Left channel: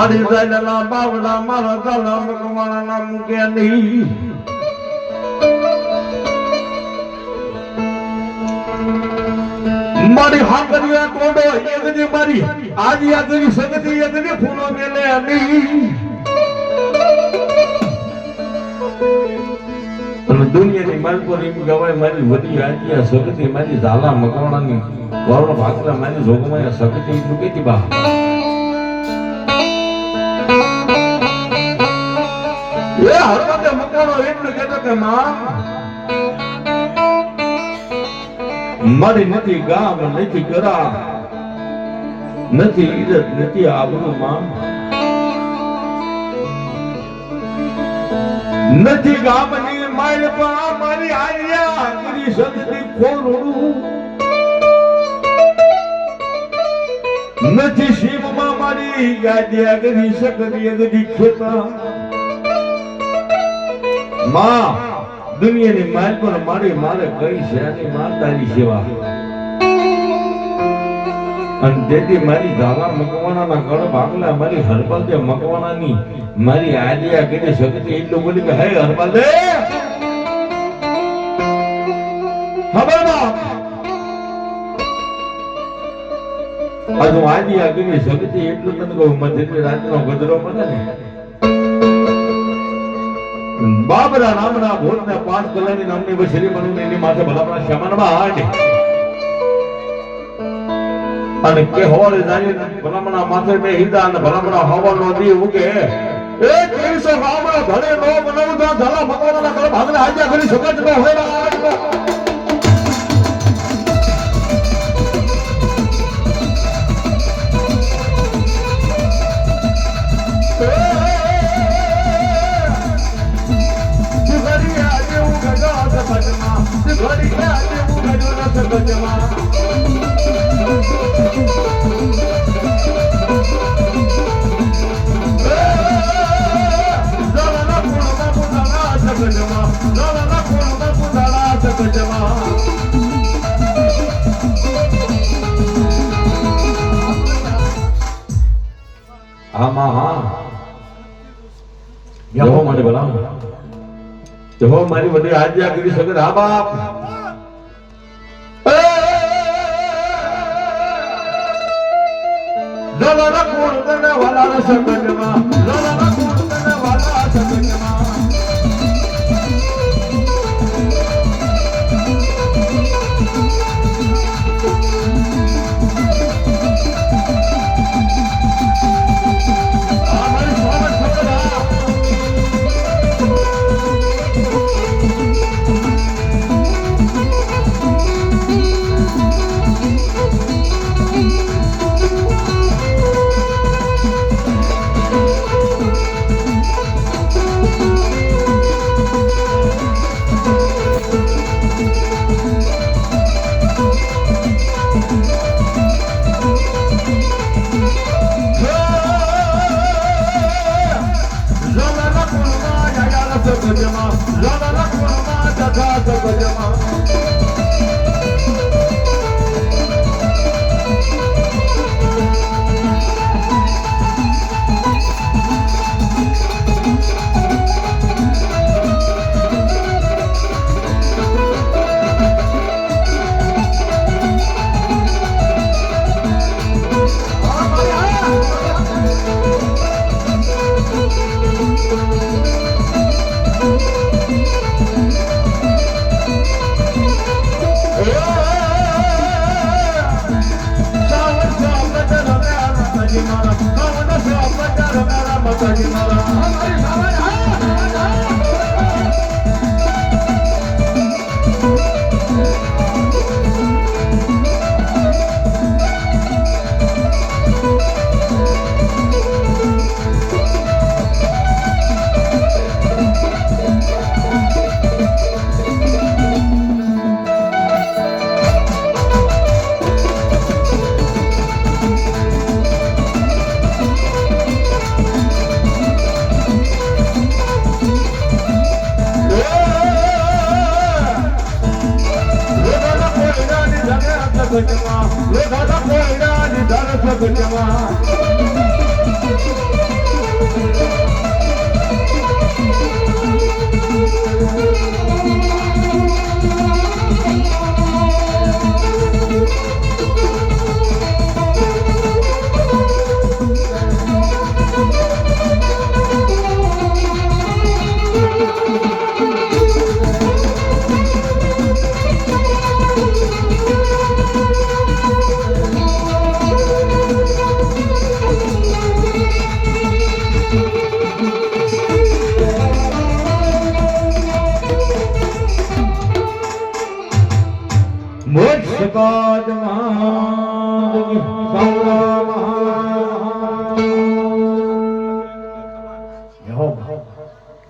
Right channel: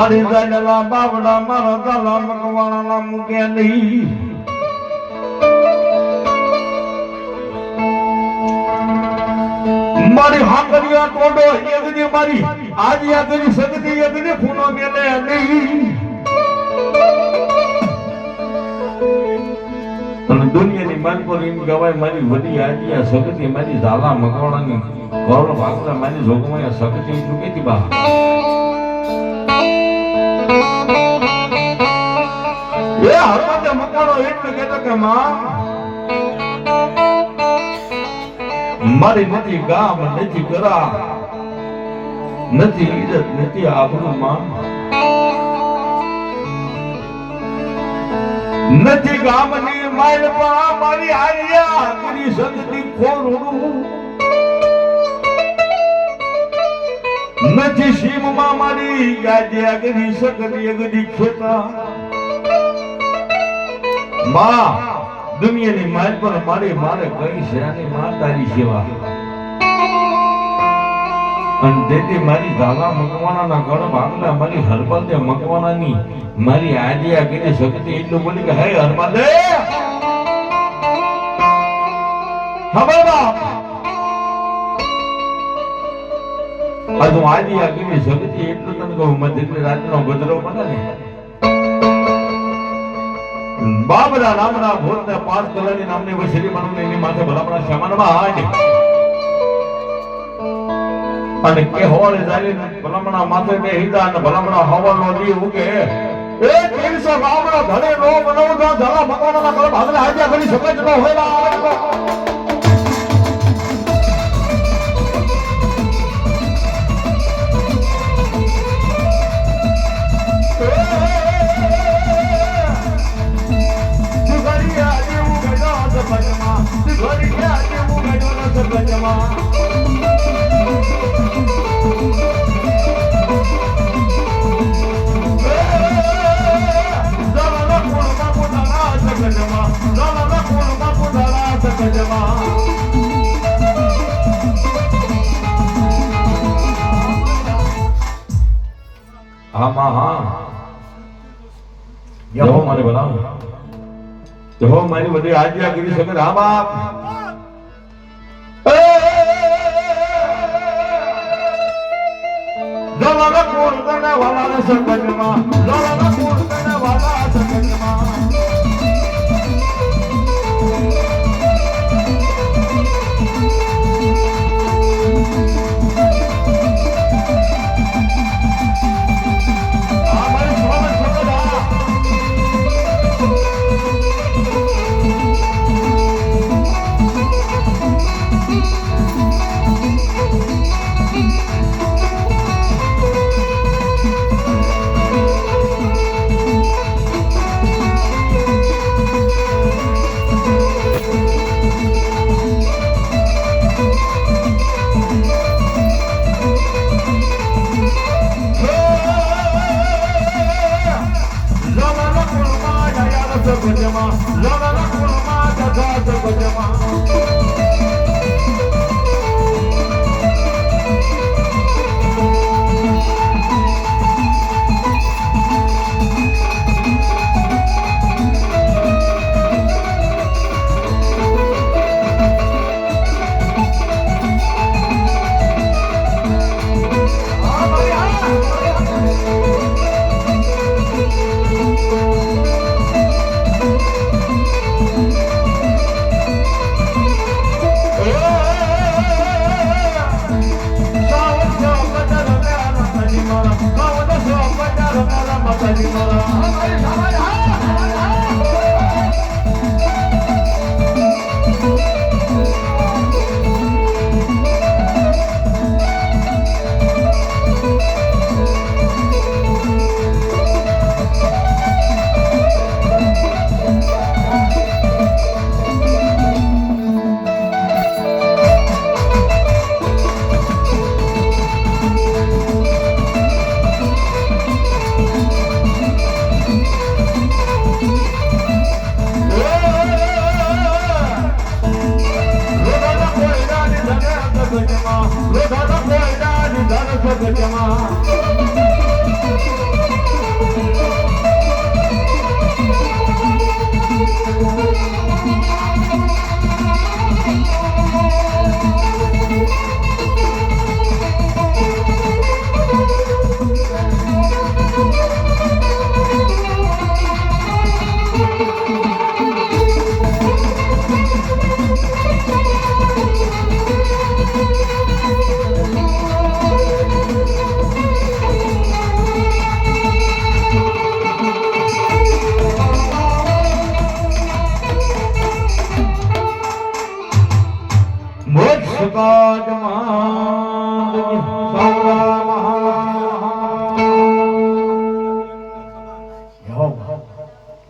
મારી જાડલા બાવડા મારા દાલા મકવાણા ના મૂકે નહીં મારી હાકરિયા ટોડો એકની મારી આજી આગની સગતી એકની ખૂનો મેલે નહીં પણ દુનિયાની માન પર એમ કહેવાય મારી વડી આજી સગતી મારી ઝાલા મકવાણાની ગોળ ભાગલા મારી જોગમાં સગતી એટલું કેતી બા એ હરપતે મકવાણો એટલું કહેતો કે માં મારી નથી ગામ નથી ગરા નથી ઈજત નથી આબરૂમાં નથી ગામની માલપા મારી આર્યા ગીરી સદની ખોરડું નથી સીમમાં મારી ગાદી આગની સકની આગની ખેતા માં દુનિયાની માલ પર મારે કઈ છે અને માતાની સેવા અને તેથી મારી ધાવા મકવાણાના ગણ ભાગલા મારી હરબલદે મકવાણાની મારી આદિયા કરી શક્તિ એટલું બોલી કે હે હરબલદે ખબર બાપ આ તો આદિયા કરી શક્તિ એટલું તને કહું મધ્ય રાતનો ગજરો પડે ને બાબરા નામના ભૂતને 5 કલરની નામની વશરી બનવું એની માથે ભલાપણા સામાનમાં હાડ અને કે હોવાળી જાળી ભલામણા માથે બે હિતા અને ભલામણા હવાનો દી ઉગે એ દિવસે બાબરા ભલે નો બનાવ તો ધલા ભગવાનના ઘર ભાગલા હાજ્યા કરી શકે જ ન હોય જવો મારે ભલા જવો મારી બધી આજ્ઞા કરી શકે હા બાપ જવાના પૂર્ણના વાલા સગજમાં જવાના પૂર્ણના વાલા સગજમાં સગજમાં મોક્ષ કાદમાં